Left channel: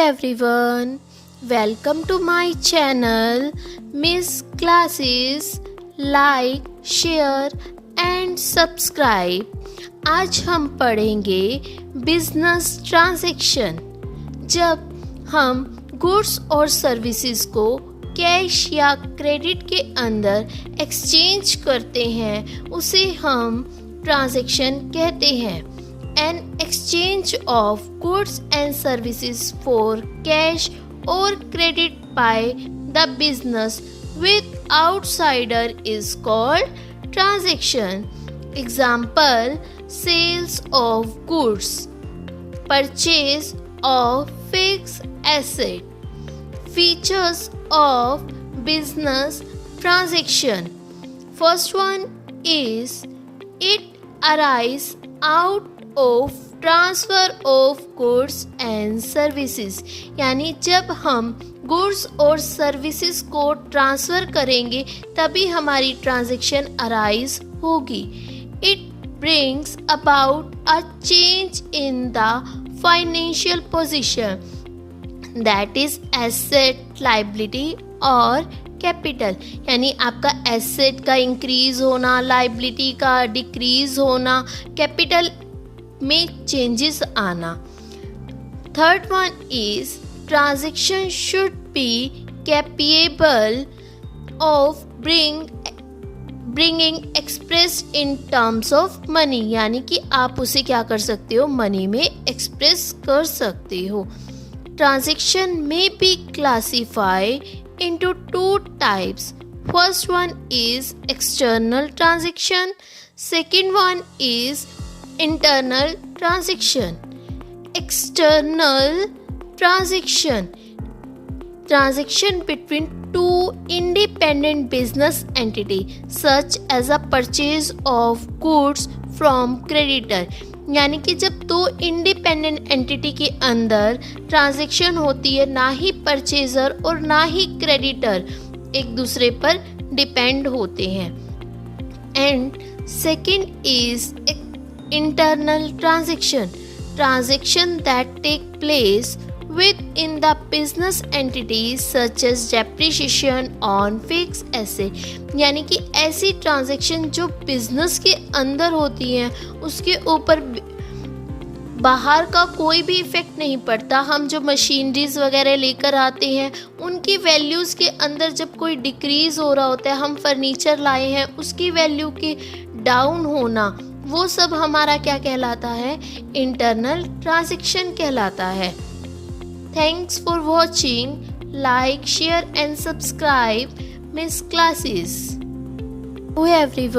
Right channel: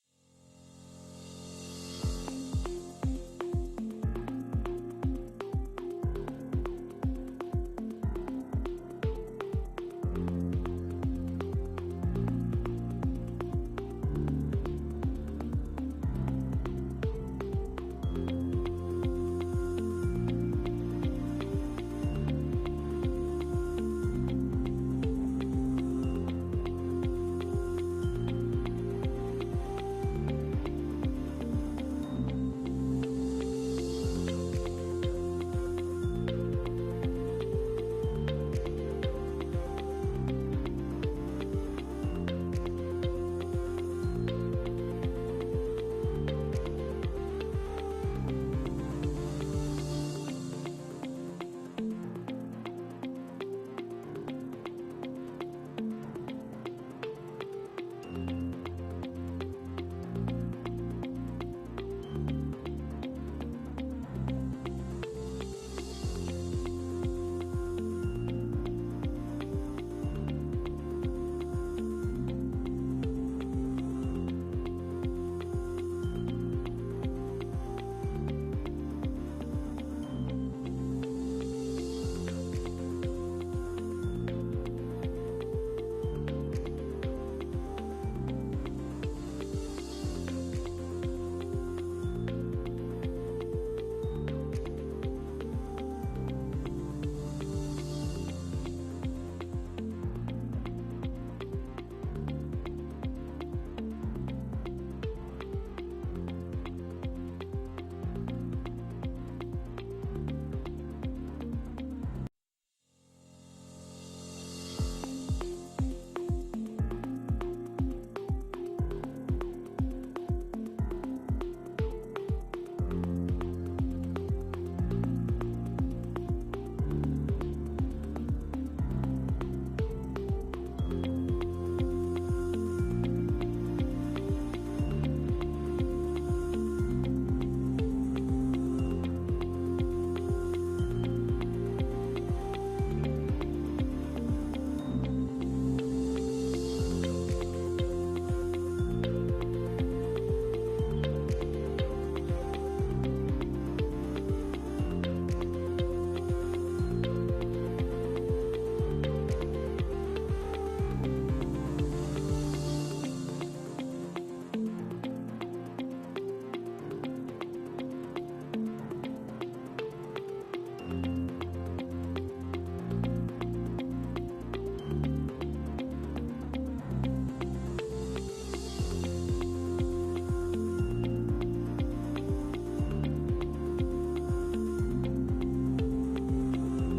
everyone, welcome to my channel Miss Classes. Like, share and subscribe. आज हम पढ़ेंगे business transaction. जब हम गुड्स और सर्विसेज को कैश या क्रेडिट के अंदर एक्सचेंज करते हैं उसे हम ट्रांजैक्शन कहते हैं। An exchange of goods and services for cash or credit by the business with outsider is called transaction. Example: sales of goods, purchase of fixed asset. Features of business transaction. First one is it arises out of transfer of goods and services, यानी जब हम goods और services को transfer करेंगे तभी हमारी transaction arise होगी। It brings about a change in the financial position, that is asset, liability और कैपिटल, यानी आपका एसेट का इंक्रीज होना, लायबिलिटी का डिक्रीज होना, कैपिटल में चेंजेस आना। Third one is transaction should be capable of bringing express in terms of money, यानी कि आप उसे क्या कर सकते हो, मनी में एक्सप्रेस कर सकते हो। ट्रांजैक्शन में be classify into two types. First one is external transaction. Second one is internal transaction. External transaction between two independent business entity such as a purchase of goods from creditor, यानी कि जब दो independent entity के अंदर transaction होती है, ना ही purchaser और ना ही क्रेडिटर एक दूसरे पर डिपेंड होते हैं। And second is internal transaction that take place within the business entities such as depreciation on fixed asset, यानी कि ऐसी ट्रांजैक्शन जो बिजनेस के अंदर होती हैं उसके ऊपर बाहर का कोई भी इफेक्ट नहीं पड़ता। हम जो मशीनरीज वगैरह लेकर आते हैं उनकी वैल्यूज़ के अंदर जब कोई डिक्रीज हो रहा होता है, हम फर्नीचर लाए हैं उसकी वैल्यू के डाउन होना, वो सब हमारा क्या कहलाता है, इंटरनल ट्रांजैक्शन कहलाता है। Thanks for watching. Like, share and subscribe Miss Classes. Oh everyone.